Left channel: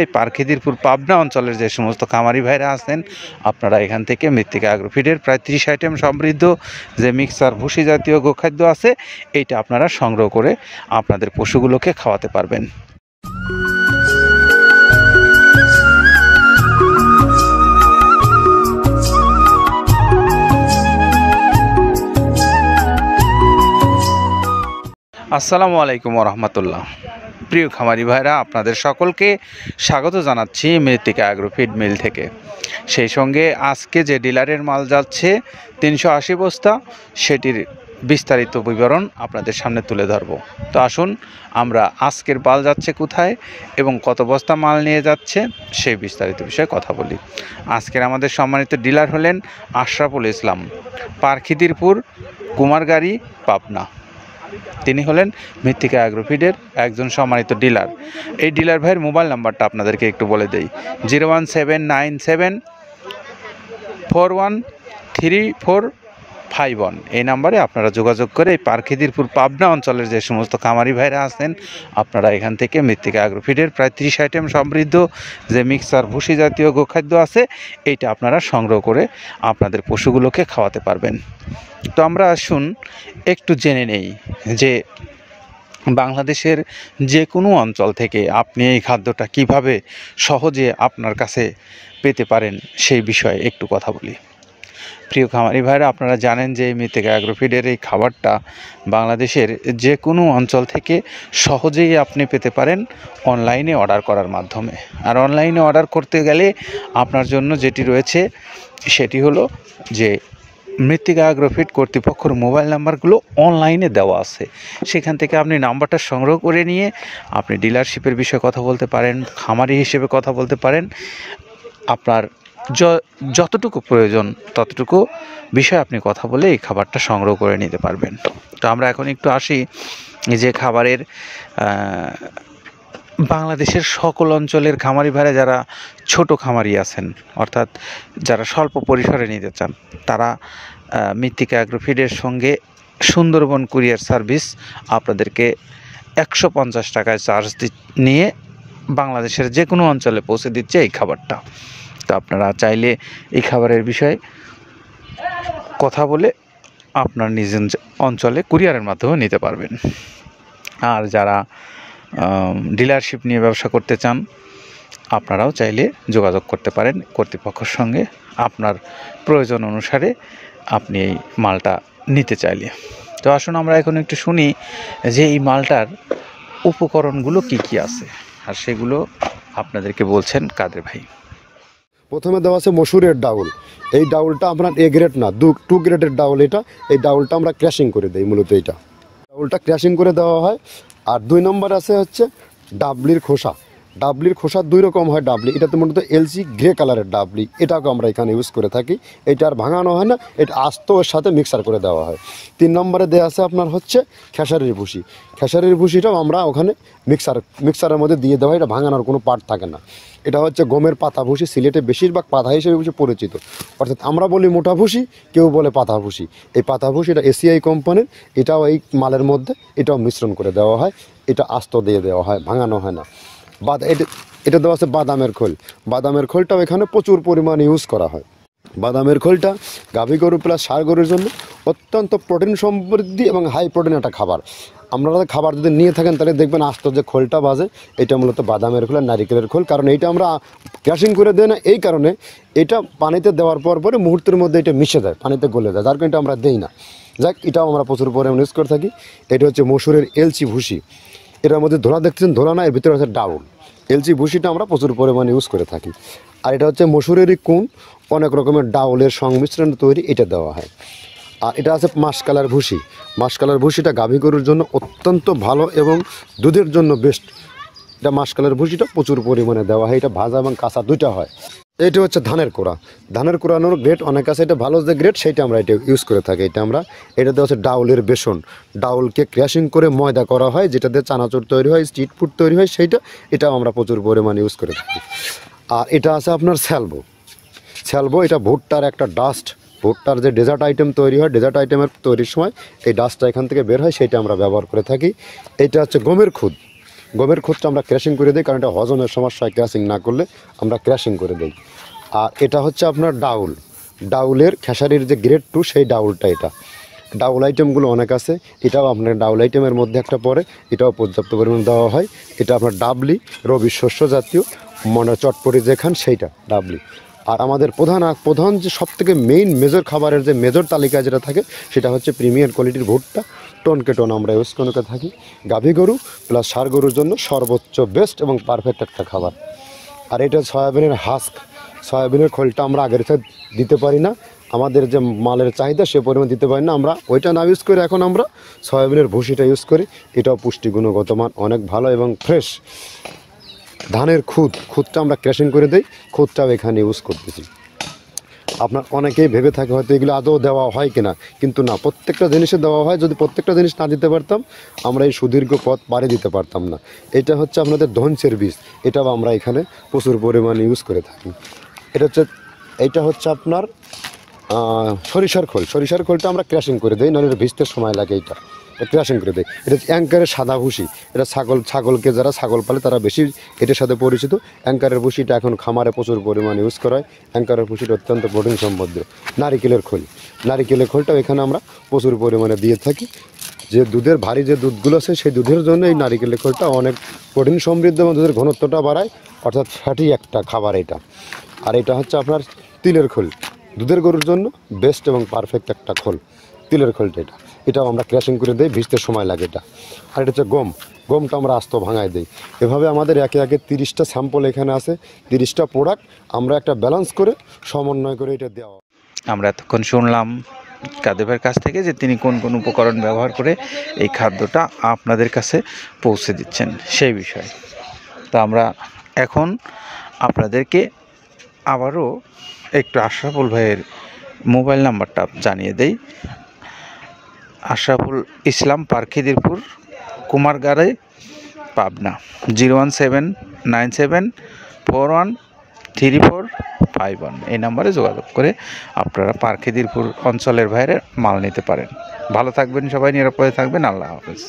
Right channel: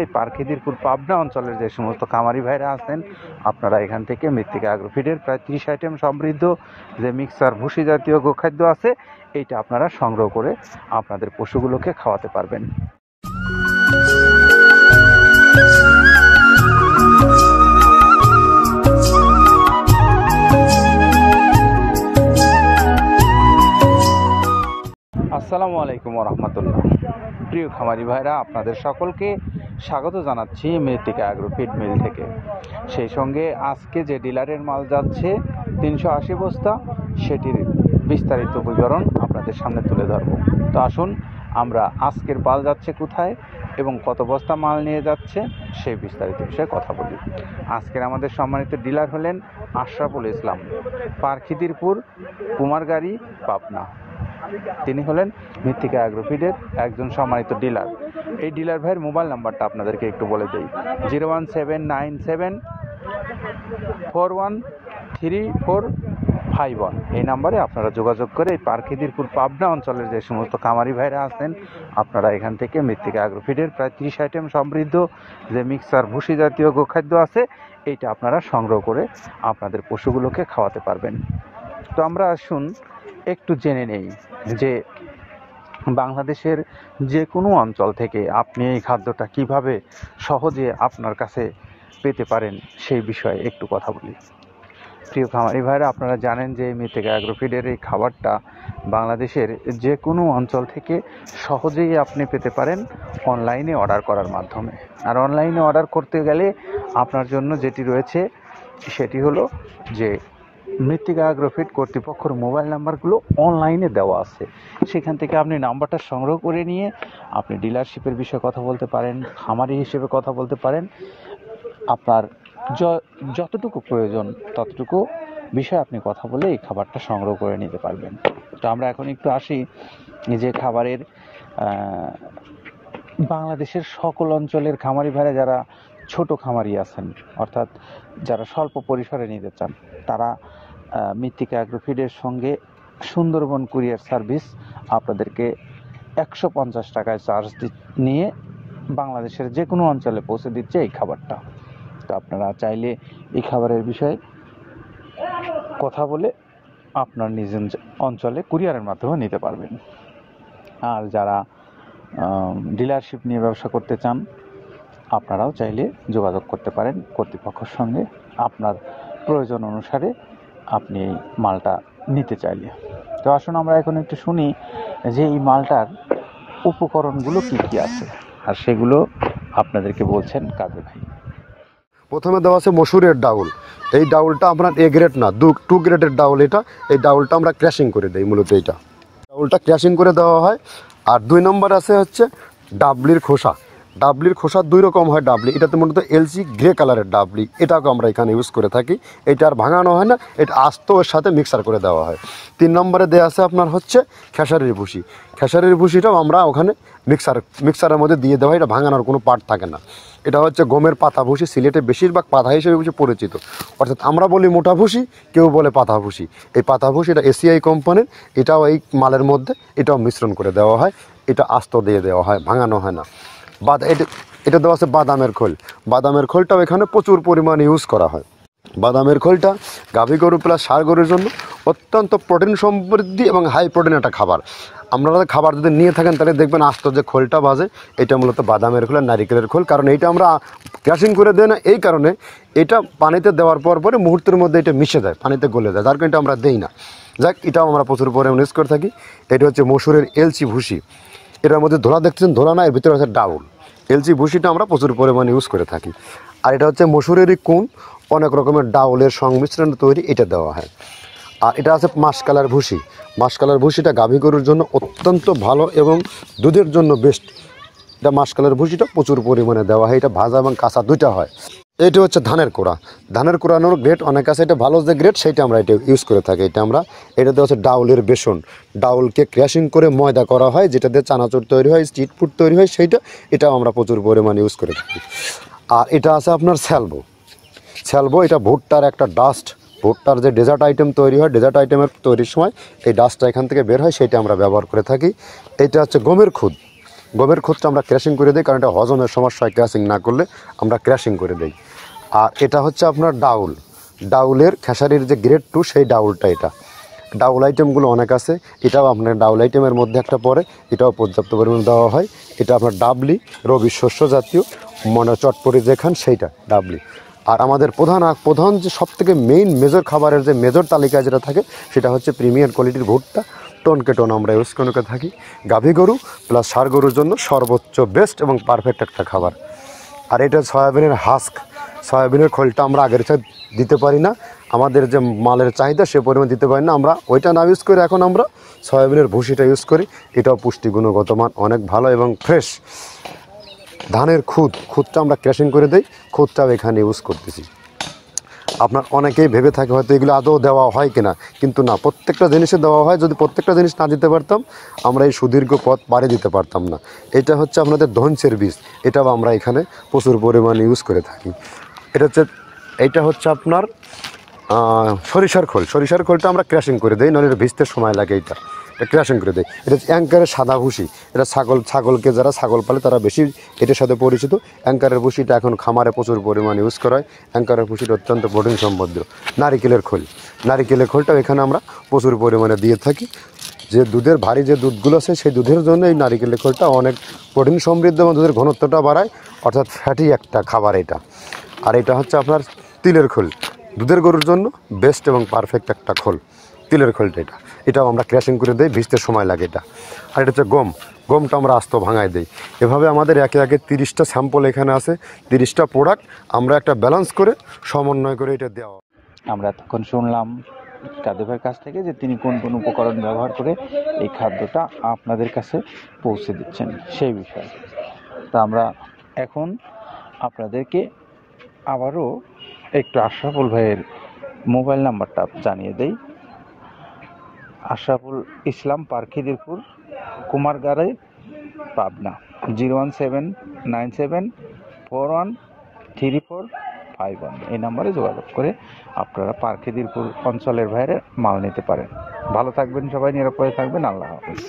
এই পারখিদিরপুর পাবনা অঞ্চলের যে সমস্ত খামারি ভাইরা আছেন আপনারা এখান থেকে মৃত্তিকা অ্যাগ্রোফিডের প্রায় 30 আইটেম সমৃদ্ধ যে মিক্সার ভুসি জাতীয় গোখাদ্য আছে এইটা আপনারা সংগ্রহ করে আপনাদের পশুগুলোকে খাওয়াতে পারবেন। আসসালামু আলাইকুম রহমতুল্লাহ। প্রিয় খামারি ভাইরা, আপনাদের সকলকে স্বাগত জানাচ্ছি মৃত্তিকা অ্যাগ্রোফিড মিল থেকে। সেই সঙ্গে আজকে যে ডিলারের মাল যাচ্ছে 380 বস্তা, সেটির বিস্তারিত বিবরণ আপনাদের সামনে তুলে ধরব। তো আসুন আমরা আজকের মাল যাচ্ছে কোথায় এবং কত বস্তা মাল নিয়ে যাচ্ছে সেই বিস্তারিত বিষয়ে কথা বলি। আজকের আমাদের সম্মানিত ডিলার হলেন আশরাফুল ইসলাম, পারখিদিরপুর কুমারগাড়ি, পাবনা। তিনি হলেন মৃত্তিকা অ্যাগ্রোফিডের একজন সম্মানিত ডিলার। এই ডিলার ভাইয়ের মোবাইল নাম্বারটা আপনাদেরকে একটু বলে দেই, 01797413451। এই নাম্বারে আপনারা যোগাযোগ করে এই পারখিদিরপুর পাবনা অঞ্চলের যে সমস্ত খামারি ভাইরা আছেন আপনারা এখান থেকে মৃত্তিকা অ্যাগ্রোফিডের প্রায় 30 আইটেম সমৃদ্ধ যে মিক্সার ভুসি জাতীয় গোখাদ্য আছে এইটা আপনারা সংগ্রহ করে আপনাদের পশুগুলোকে খাওয়াতে পারবেন। তো আমরা আসুন একটু জেনে নেই যে বাংলাদেশের যে কোনো অঞ্চল থেকে আপনি এই খাদ্যটা কিভাবে সহজে আপনার কাছে পেতে পারেন সেই বিষয়ে একটু কথা বলি। প্রিয় খামারি ভাইরা, আপনারা জানেন যে মৃত্তিকা অ্যাগ্রোফিডের এই খাবারটা বাংলাদেশের যে কোনো অঞ্চল থেকে সহজেই আপনি পেতে পারেন অনলাইনে অর্ডার করার মাধ্যমে। আর অনলাইনে অর্ডার করতে গেলে আপনার জন্য যেটি রয়েছে সেটি হলো যে মৃত্তিকা অ্যাগ্রোফিড কর্তৃপক্ষের মোবাইল নাম্বারগুলো অনলাইনে দেওয়া আছে, সেখান থেকে আপনি নাম্বারটা সংগ্রহ করে নিয়ে আপনি ডিলারশিপের বিষয়ে কথা বলতে পারেন, খামারি হিসেবে কথা বলতে পারেন। আপনার যতটুকু প্রয়োজন ততটুকু বিষয়ে আপনি কথা বলে এই খাবারটা সংগ্রহ করে নিতে পারবেন। তো আমরা এখন একটু আসি যে খাবারের বাংলাদেশের সকল অঞ্চলের খামারি ভাইরা যারা ছোট খামারি আছেন, অর্থাৎ যারা স্বল্প পরিসরে নিতে চান, তারা মৃত্তিকা অ্যাগ্রোফিডের সঙ্গে সুন্দরবন কুরিয়ার সার্ভিস আপনাদেরকে 150 টাকায় চার্জ নিয়ে বাংলাদেশের যে কোনো অঞ্চলে পৌঁছে দিচ্ছে এই খাবারটা। তো আপনারা চাইলে এই খাবারের বিষয়ে কথা বলে আপনার নিজ অঞ্চলে কুরিয়ারের মাধ্যমে নিতে পারবেন। আর যারা ডিলারশিপ নিয়ে ব্যবসা করতে চান আপনারাও চাইলে যোগাযোগ করতে পারেন কর্তৃপক্ষের সঙ্গে আপনার প্রয়োজন অনুসারে আপনি এই মালটা নিতে চাইলে। তো আসুন আমরা এখন একটু শুনি যে এই মালটার উপকরণগুলো কি কি আছে আর সেগুলো আপনাদেরকে বলছেন কাদের ভাই। প্রথমে দেওয়া আছে মসুরের ডাউল। এই ডাউলটা আপনার এ গ্রেড না, 2 গ্রেডের ডাউল এটা। এই ডাউলটা আমরা ক্র্যাশিং করে দিই, মূলত এইটা ডাউলটা ক্র্যাশিং করে দেওয়া হয়। আর 2 নম্বর আছে হচ্ছে ডাবলির খোসা। ডাবলির খোসা 2 রকম হয় ডাবলি, এটাতে মূলত এলসি গ্রে কালারের ডাবলি, এটাকে আমরা এখানে ইউজ করে থাকি। এটা আর ভাঙানো হয় না, এটা আস্ত ওর সাথে মিক্সার করে দেওয়া হয়। 3 নম্বরে দেওয়া আছে আপনার হচ্ছে খেসারির ভুসি। খেসারির ভুসিটাও আমরা ওখানে মিক্সারের মধ্যে দিয়ে দেওয়া হয়, এটা ভাঙানোর কোনো পার্ট থাকে না। এটা হচ্ছে গমের পাতা ভুসি, সিলেটে বেশিরভাগ পাতা হিসেবে পরিচিত, অর্থাৎ আমরা বলি মোটা ভুসি, কেউ বলে পাতা ভুসি। এই পাতা ভুসি এটা এসিআই কোম্পানির, এটাও এই মালের মধ্যে এটাও মিশ্রণ করে দেওয়া হয়, এটা আস্ত দিয়ে দেওয়া হয়, ভাঙানো হয় না। এটা দেওয়া আছে বাদামের খোল। বাদামের খোলটাও এখানে প্রচুর পরিমাণে ইউজ করা হয়। বাদামের খোলটা গাভী গরু প্লাস ষাঁড় গরুর জন্য অত্যন্ত প্রোটিন সমৃদ্ধি এবং হাই প্রোটিন একটা খাবার। আপনারা খাবার যদি নিয়ে থাকেন তাহলে দেখবেন আস্ত যে খোলটা বাজে, এটা মূলত বাদামের খোল আর নারিকেলের খোল। কারণ এইটা আমরা ক্র্যাশিং করে দেয় না, এই কারণে এটা পানিতে দেওয়ার পরে মুহূর্তের মধ্যে এটা মিশে যায়, পানিতে গলে যায়, যার কারণে এটা আমরা দেই না। যাক, এটাও আমরা প্রচুর পরিমাণে ইউজ করে থাকি। এটা হচ্ছে মসুরের এলচি ভুসি। এটার মধ্যে ধোলা দেখছেন, ধোলা না, এর ভিতরে আছে ডাউল। এলচি ভুসিটা আমরা প্রচুর পরিমাণে ইউজ করে থাকি। আর এটা হচ্ছে মসুরেরই কুন, অনেক রকমের ডাউলের সংমিশ্রণ তৈরি, এটা দেওয়া হয়। আর এটা আছে মাসকালার ভুসি। মাসকালার ভুসিটা গাভী গরুর জন্য অত্যন্ত ভালো এবং দুধের জন্য বেস্ট। এটা মাসকালার ভুসিটা প্রচুর পরিমাণে দেওয়া হয়, এটা ভাজা এবং কাঁচা দুইটা হয়। এটা হচ্ছে ধানের কোড়া। ধানের কোড়ানোর গ্রেড অনেক আছে, এটা ভালো যে গ্রেড সেইটা আমরা এটা ইউজ করে থাকি। এটা দেওয়া হচ্ছে ডাউলের বেসন। ডাউলকে ক্র্যাশিং করে ময়দা করা হয়, যেটা দিয়ে চানাচুর তৈরি হয়, স্ট্রিট ফুড তৈরি হয়, এটাও আমরা প্রচুর পরিমাণে ইউজ করে থাকি। আর এটা আছে আপনার স্যালবো। এটা ভুট্টার একটা ডাস্ট। ভুট্টার যে ডেজার্ট আইটেম তৈরি হয়, ডেজার্ট আইটেমের তৈরির সময় এই ডাস্টটা এখান থেকে বের হয়, সেটা আমরা ব্যবহার করে থাকি। এটা হচ্ছে গমের খুদ। গমের খুদটা আমরা ক্র্যাশিং করে দিই, কারণ এটা হজমের সমস্যা হয় ক্র্যাশিং না করলে, আমরা ক্র্যাশিং করে দিই। আর এটা হচ্ছে আপনার ডাউল, ডাউলের খেসারির যে গ্রেড 2 সেই ডাউলটা। এটা ডাউল আইটেমগুলো অনেক আছে, এটাও আপনার ডাউল আইটেমের মধ্যে একটা পড়ে, এটাও পর্যাপ্ত পরিমাণে দেওয়া হয়। এটা আপনার ডাবলি, রবি শস্য জাতীয়, মনে চটপটি যে খান সেইটা ডাবলি। আর আমাদের প্রধান যে সবথেকে মেইন মেজর খাবারের যে মেজর তালিকায় যেটা থাকে সেটা হচ্ছে প্রিমিয়ার কোয়ালিটির ভুট্টা, টনকে টন আমরা ইউজ করে থাকি। গাভী গরু প্লাস ষাঁড় গরুর জন্য সর্বোচ্চ বেস্ট এবং পারফেক্ট একটা খাবার। আর এটা সয়াবিনের হাস্ক, সয়াবিনের খোলটা আমরা আগের সাথে দিতে পারি না, আমাদের যে মালের চাহিদা সে পরিমাণ দিতে পারি না, আমরা ওইটা না ইউজ করে এখন আমরা সয়াবিনের ভুসিটা ইউজ করি। এটাও পুষ্টি গুণগত মান অনেক ভালো এবং ফ্রেশ। ধানের খুদটা আমরা ক্র্যাশিং করে দিই, খুদটাও এখানে ইউজ করতেছি। আপনার অনেকেই ভেবে থাকে হয়তো এগুলো আদৌ দেওয়া হয় কিনা, কিন্তু না, প্রত্যেকটা জিনিসে দেওয়া হয়। যদি প্রত্যেকটা জিনিস না দিতে পারতাম আমরা এই সুদীর্ঘ পথ পাড়ি দিতে পারতাম না। এটা হচ্ছে আপনাদের ধনসের বীজ, এটাও আমরা এখানে প্রচুর পরিমাণে ইউজ করে থাকি। এটা হচ্ছে আপনার সরিষার খোলটা আমরা ক্র্যাশিং করে দিই, নাহলে এটা ভিজতে সময় লাগে। এটা ক্র্যাশিং করে দেয়। এটা অ্যাঙ্কারের সাদা ভুসি, এটা ছাগলকে যারা ছাগল পালে তারা বেশি এটার সাথে পরিচিত। অ্যাঙ্কারের ভুসিটা এখন খামারে প্রচুর পরিমাণে ইউজ করা হয়। অ্যাঙ্কারের ভুসিটা অত্যন্ত প্রোটিন সমৃদ্ধ। নারিকেলের খোলটাও এখানে আমরা প্রচুর পরিমাণে দিয়ে থাকি। যে দুধের ভারী যে দুধগুলো আছে সেই দুধের জন্য এই নারিকেলের খোলটা অনেক প্রোটিন সমৃদ্ধ এবং দুধের ঘনত্বটা বাড়ায়, অর্থাৎ ফ্যাটি একটা খাবার এটা। আর এটা হচ্ছে আপনার তিলের খোল, দুধের গরুর জন্য বেস্ট এবং পারফেক্ট একটা খোল, তিলের খোলটা। এটাও আমরা ক্র্যাশিং করে দিই, ভিজতে সময় লাগে এটা। আর এটা হচ্ছে গমটা আমরা আস্ত ভাঙায় দিই। এভাবে আমাদের একে 30টা স্যাম্পল এখানে আছে, 30টা প্রোডাক্ট আমরা একটা ব্যালেন্স করে সমন্বয় করে এটা দেওয়া। আমরা এতক্ষণ শুনলাম কাদেবের কাছ থেকে যে তিনি কোন কোন উপকরণ ব্যবহার করে এই খাদ্যটা আপনাদের কাছে পৌঁছে দিচ্ছেন সেই বিষয়ে। তা আমরা এখন আপনাদেরকে আবারও একটু আশরাফুল ভাইয়ের মোবাইল নাম্বারটা জানিয়ে দেই। আশরাফুল ইসলাম, পারখিদিরপুর, কুমারগাড়ে, পাবনা। 01797413451 এই নাম্বারে যোগাযোগ করে আপনারা পারখিদিরপুর অঞ্চলের বাইরে মাল নিতে পারেন। ভালো থাকবেন সবাই, নিরাপদে থাকবেন। আল্লাহ হাফেজ।